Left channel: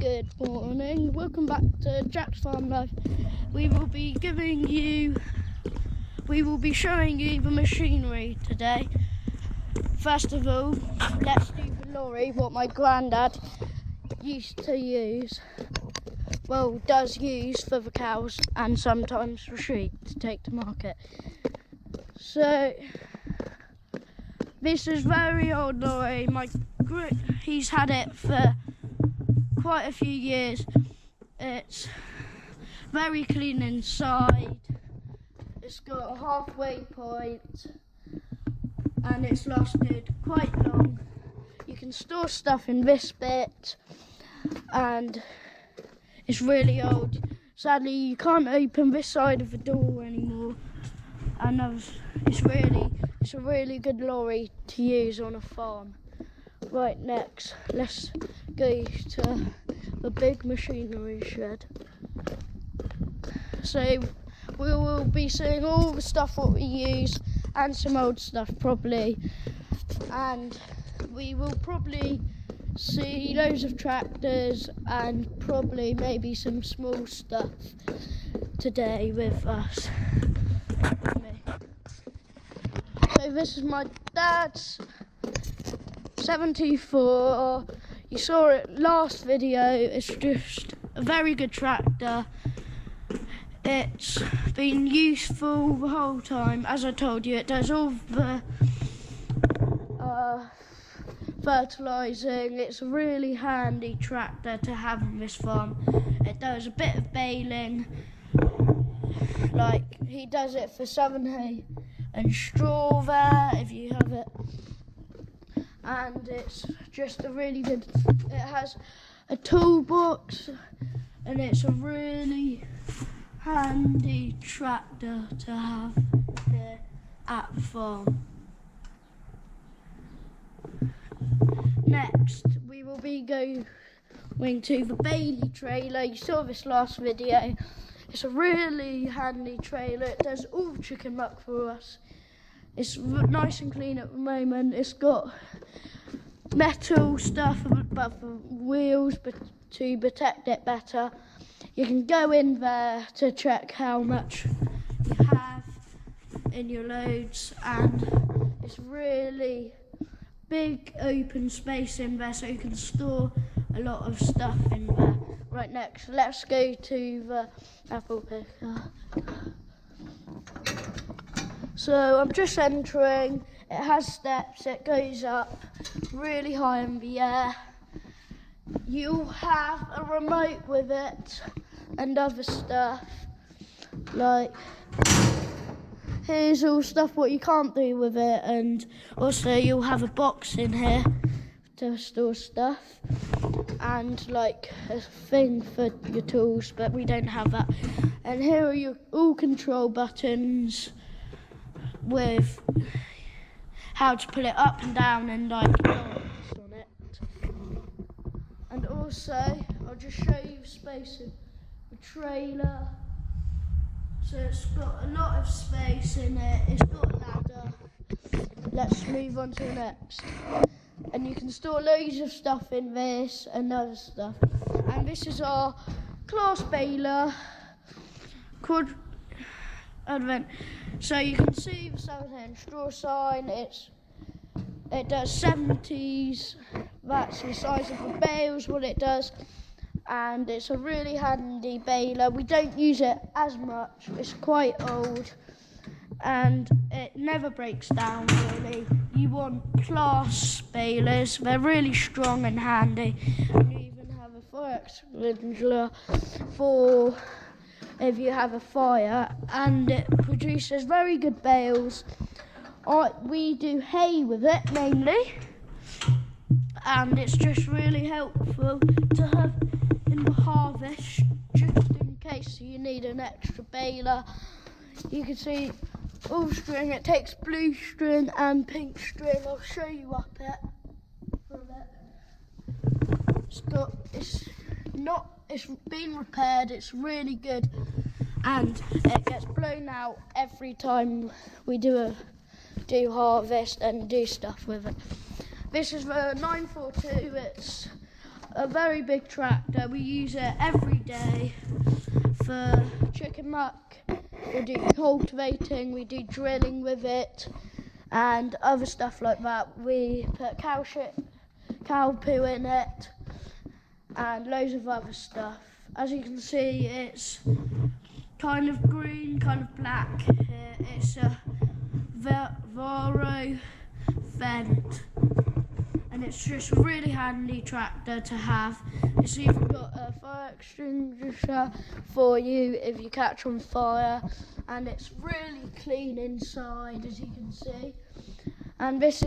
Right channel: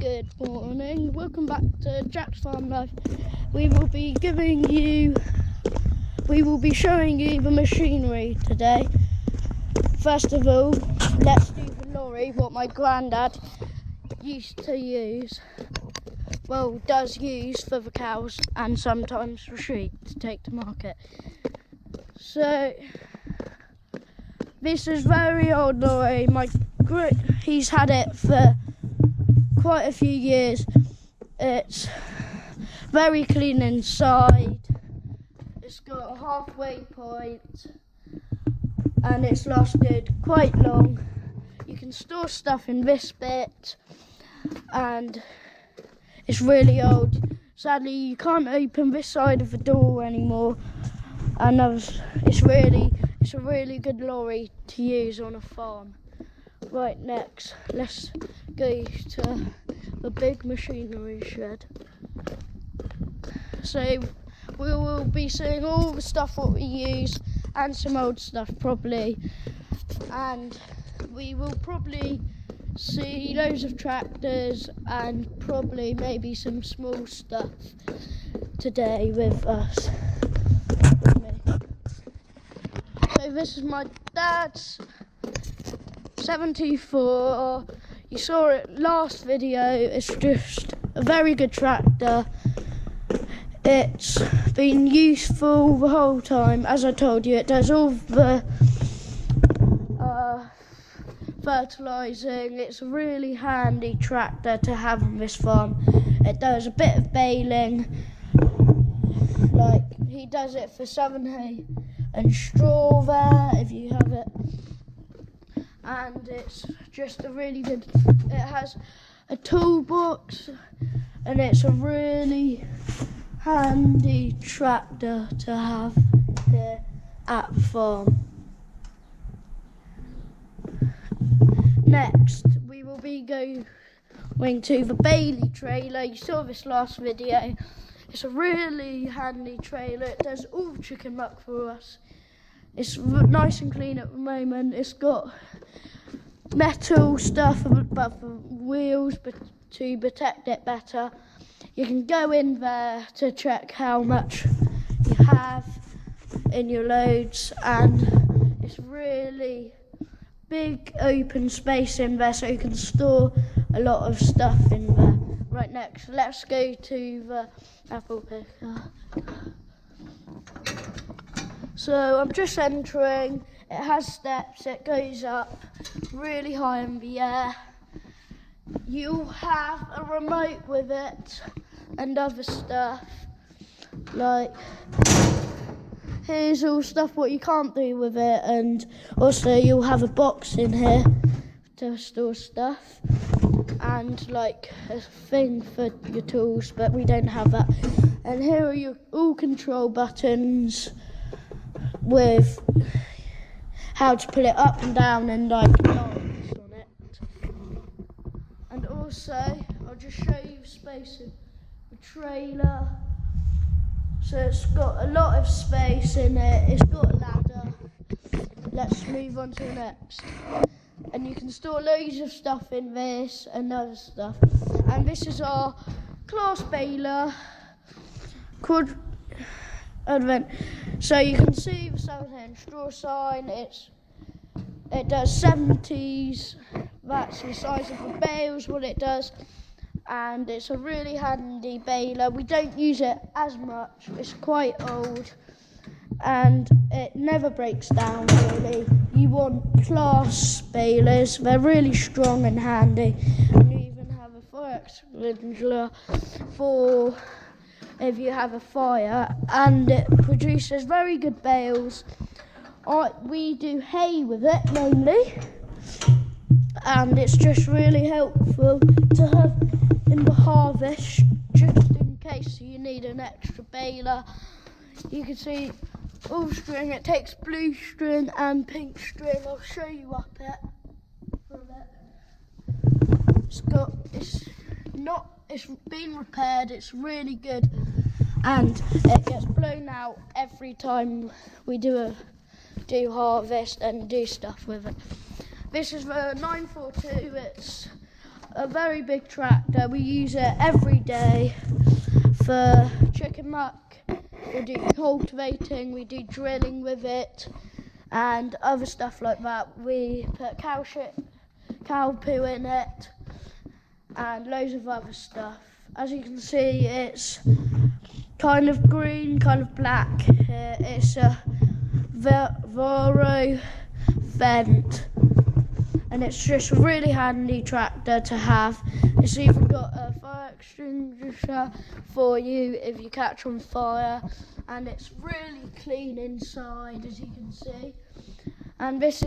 Good morning, welcome back to Jack's Farm Life. We will be showing you the machinery today. First of all, let's do the lorry, what my granddad used to use. Well, does use for the cows and sometimes for sheep to take to market. So, this is very old lorry. He's had it for quite a few years. It's very clean inside. It's got a halfway point and it's lasted quite long. You can store stuff in this bit and it's really old. Sadly, you can't open this side of the door anymore, and it's a really good lorry to use on a farm. Right, next, let's go to the big machinery shed. So we will be seeing all the stuff what we use and some old stuff probably, and we will probably see loads of tractors and probably maybe some small stuff today with me. So this is my dad's 724. You saw it last video. It's just a very good tractor. It's been useful the whole time. As I told you, it does all the fertilising. It's a really handy tractor to have on this farm. It does a bit of baling, like he does it for southern hay and straw there if you have it. And it's just a really good, it has a toolbox and it's a really handy tractor to have here at the farm. Next, we will be going to the Bailey trailer. You saw this last video. It's a really handy trailer. It does all the chicken muck for us. It's nice and clean at the moment. It's got metal stuff above the wheels to protect it better. You can go in there to check how much you have in your loads, and it's really big open space in there so you can store a lot of stuff in there. Right, next, let's go to the apple picker. So I'm just entering. It has steps, it goes up really high in the air. You have a remote with it and other stuff. Like, here's all stuff what you can't do with it, and also you'll have a box in here to store stuff and like a thing for your tools, but we don't have that. And here are your all control buttons with how to pull it up and down and like lines on it. And also, I'll just show you the space in the trailer. So it's got a lot of space in it. It's got a ladder. Let's move on to the next. And you can store loads of stuff in this and other stuff. And this is our class baler called Advent. So you can see the southern hay and straw sign. It does 70s. That's the size of the bales, what it does. And it's a really handy baler. We don't use it as much. It's quite old and it never breaks down really. You want class balers. They're really strong and handy. And you even have a fire extinguisher for if you have a fire, and it produces very good bales. We do hay with it mainly, and it's just really helpful to have in the harvest, just in case you need an extra baler. You can see all string. It takes blue string and pink string. I'll show you up it. It's been repaired. It's really good, and it gets blown out every time we do harvest and do stuff with it. This is the 942. It's a very big tractor. We use it every day for chicken muck. We do cultivating, we do drilling with it, and other stuff like that. We put cow poo in it, and loads of other stuff. As you can see, it's kind of green, kind of black. It's a Voro Vent, and it's just a really handy tractor to have. It's even got a fire extinguisher for you if you catch on fire, and it's really clean inside, as you can see. And this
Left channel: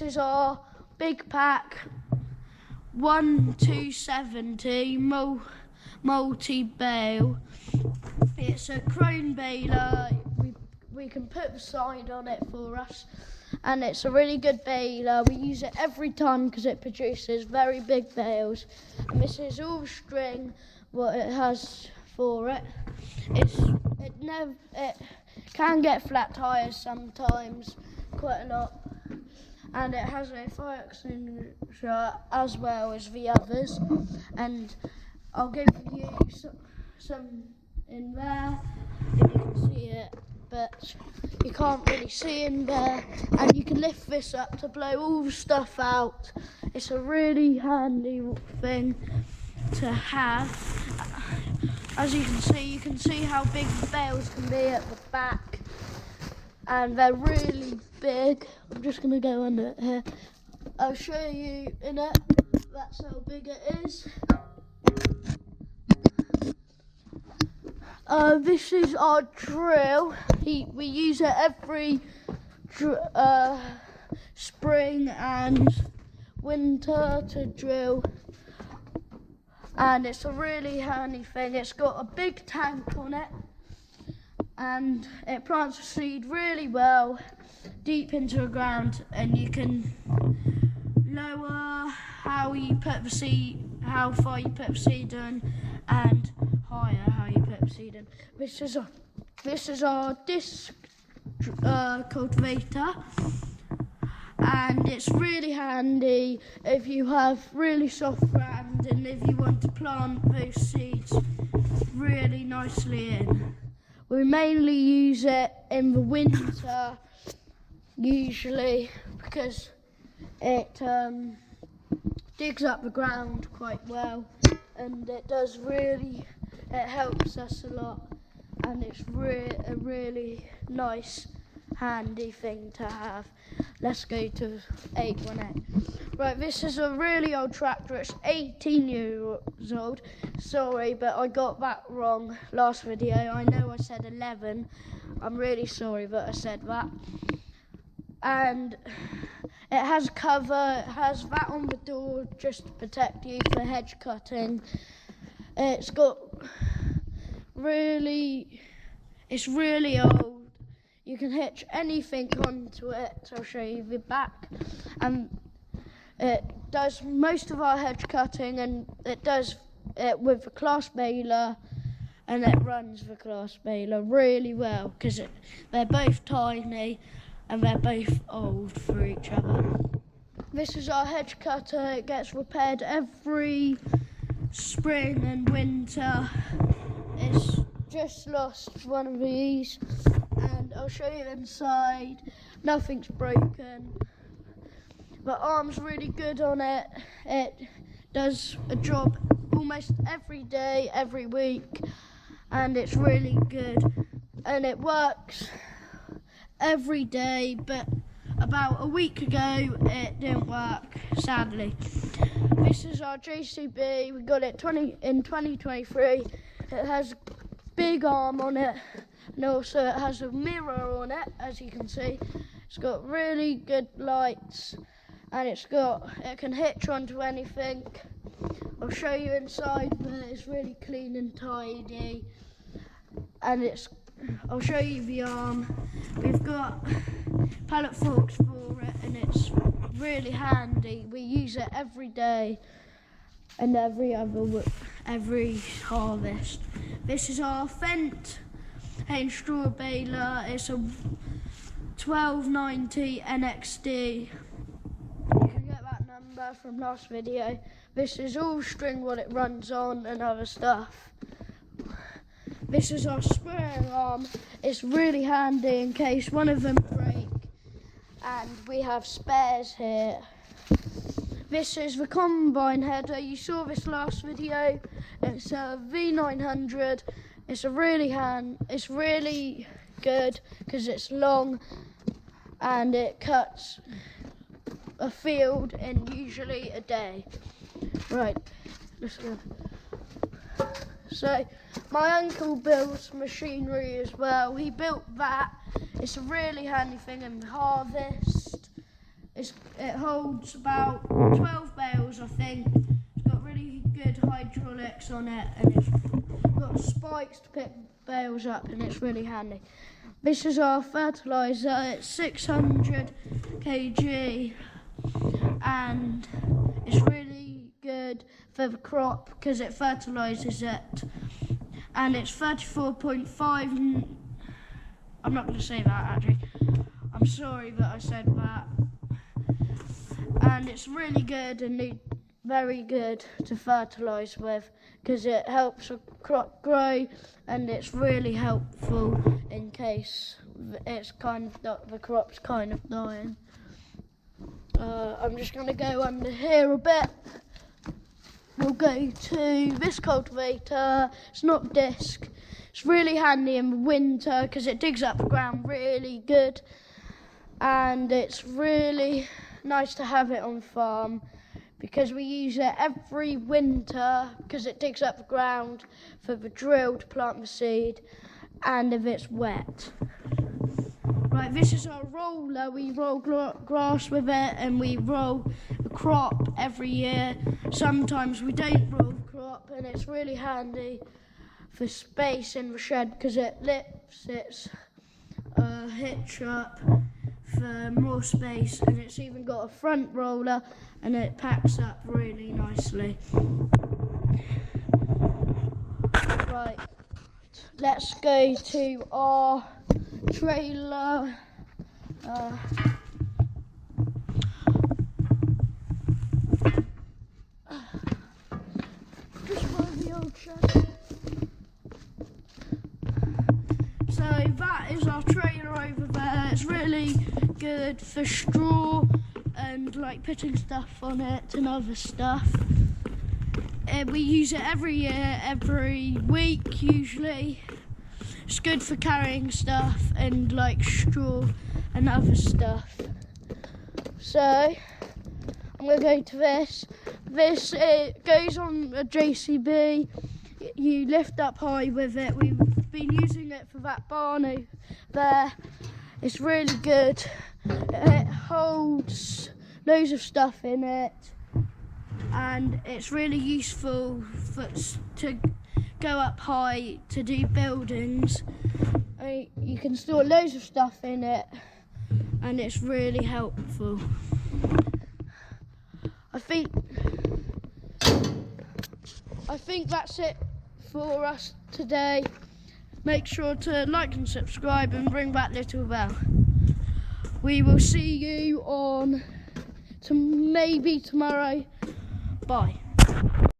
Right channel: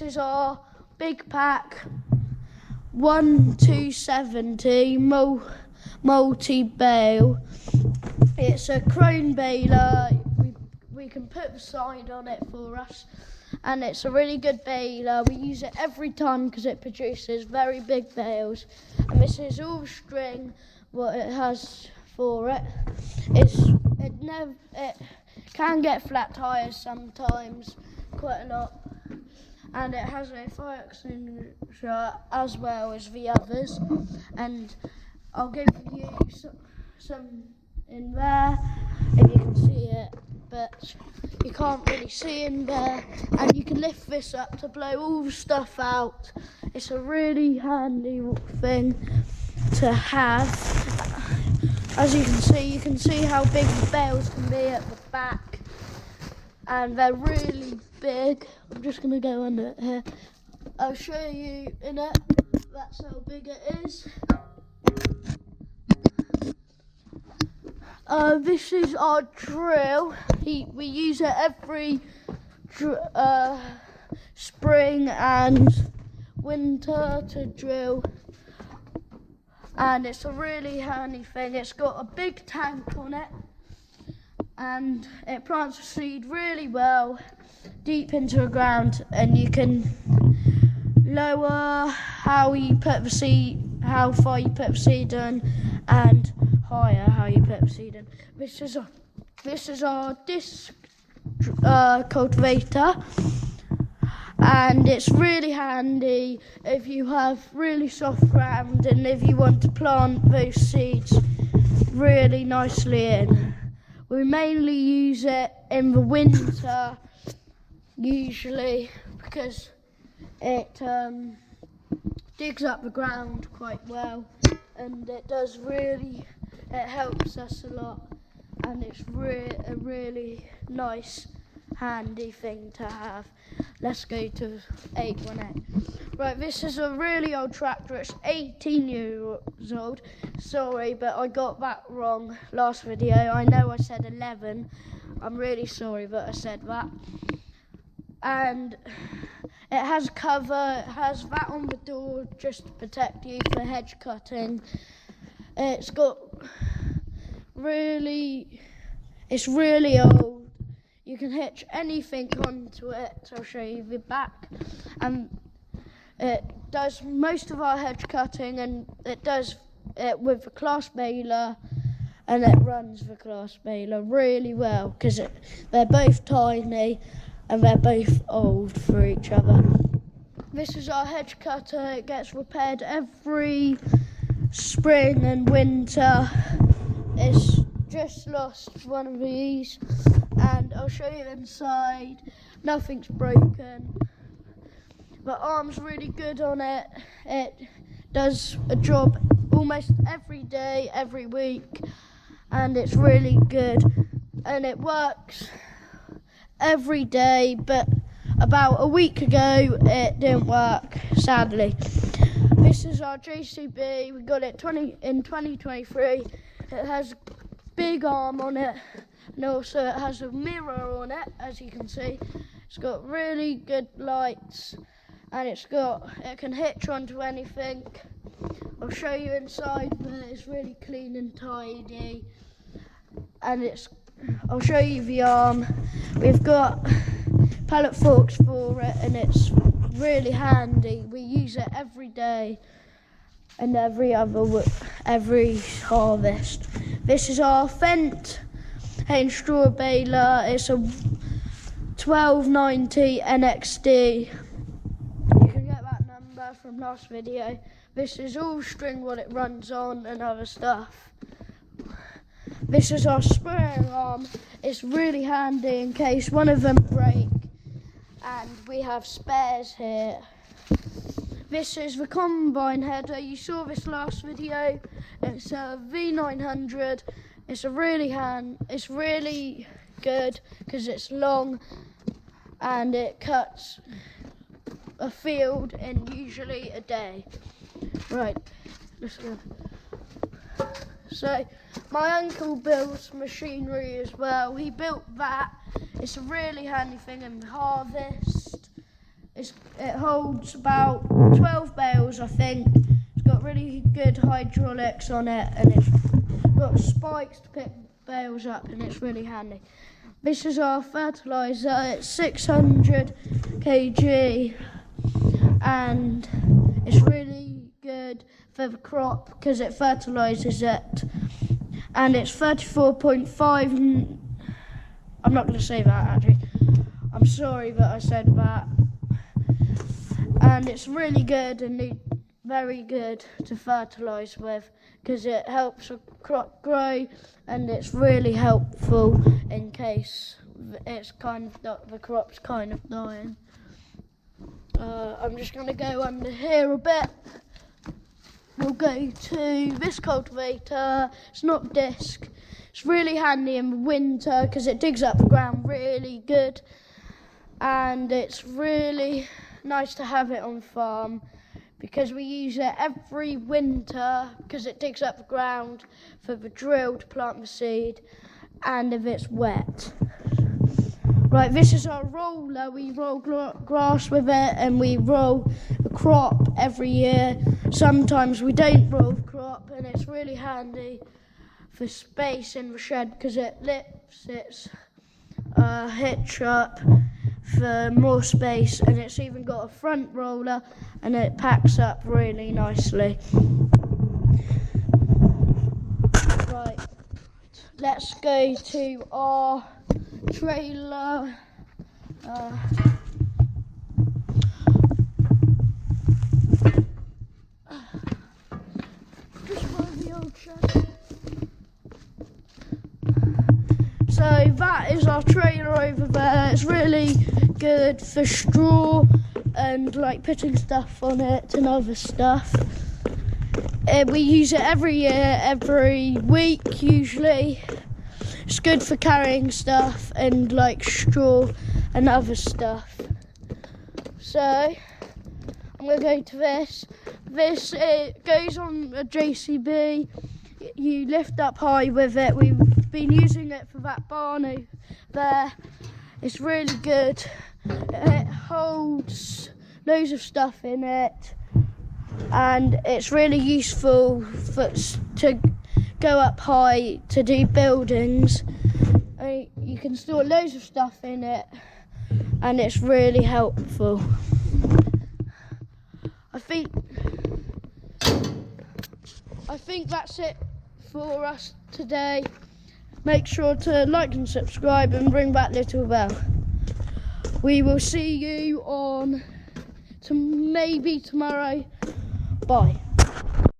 is our big pack 1270 multi-bale. It's a crone baler. We can put the sign on it for us, and it's a really good baler. We use it every time because it produces very big bales. And this is all string what it has for it. It can get flat tires sometimes, quite a lot, and it has a fire extinguisher as well as the others. And I'll give you some in there if you can see it, but you can't really see in there. And you can lift this up to blow all the stuff out. It's a really handy thing to have. As you can see how big the bales can be at the back, and they're really big. I'm just going to go under it here. I'll show you in it. That's how big it is. This is our drill. We use it every spring and winter to drill, and it's a really handy thing. It's got a big tank on it, and it plants the seed really well deep into the ground, and you can lower how far you put the seed in, and higher how you put the seed in. This is our disc cultivator, and it's really handy if you have really soft ground and if you want to plant those seeds really nicely in. We mainly use it in the winter usually because it digs up the ground quite well, and it helps us a lot, and it's a really nice handy thing to have. Let's go to 818. Right, this is a really old tractor. It's 18 years old. Sorry, but I got that wrong last video. I know I said 11. I'm really sorry that I said that. And it has cover, it has that on the door just to protect you for hedge cutting. It's really old. You can hitch anything onto it. I'll show you the back. And it does most of our hedge cutting, and it does it with the Claas baler, and it runs the Claas baler really well because they're both tiny and they're both old for each other. This is our hedge cutter. It gets repaired every spring and winter. It's just lost one of these, and I'll show you inside. Nothing's broken. The arm's really good on it. It does a job almost every day, every week, and it's really good. And it works every day, but about a week ago it didn't work, sadly. This is our JCB. We got it in 2023. It has a big arm on it, and also it has a mirror on it, as you can see. It's got really good lights, and it can hitch onto anything. I'll show you inside, but it's really clean and tidy. And I'll show you the arm. We've got pallet forks for it, and it's really handy. We use it every day and every harvest. This is our Fendt hay straw baler. It's a 1290 NXD. You can get that number remember from last video, this is all string what it runs on and other stuff. This is our spraying arm. It's really handy in case one of them break, and we have spares here. This is the combine header. You saw this last video. It's a V900. It's really good because it's long and it cuts a field in usually a day. Right, let's go. So my uncle builds machinery as well. He built that. It's a really handy thing in harvest. It holds about 12 bales, I think. It's got really good hydraulics on it, and it's got spikes to pick bales up, and it's really handy. This is our fertiliser. It's 600 kg, and it's really good for the crop because it fertilises it. And it's 34.5. I'm not going to say that actually. I'm sorry that I said that. And it's really good and very good to fertilise with because it helps the crop grow, and it's really helpful in case the crop's kind of dying. I'm just going to go under here a bit. We'll go to this cultivator. It's not disc. It's really handy in the winter because it digs up the ground really good, and it's really nice to have it on farm because we use it every winter because it digs up the ground for the drill to plant the seed, and if it's wet. Right, this is our roller. We roll grass with it, and we roll the crop every year. Sometimes we don't roll the crop, and it's really handy for space in the shed because it lifts its hitch up for more space, and it's even got a front roller, and it packs up really nicely. Right, let's go to our trailer. Just find the old shed. So that is our trailer over there. It's really good for straw and like putting stuff on it and other stuff. We use it every year, every week usually. It's good for carrying stuff and like straw and other stuff. So I'm going to go to this. It goes on a JCB. You lift up high with it. We've been using it for that barn there. It's really good. It holds loads of stuff in it, and it's really useful to go up high to do buildings. You can store loads of stuff in it, and it's really helpful. I think that's it for us today. Make sure to like and subscribe and ring that little bell. We will see you on maybe tomorrow. Bye.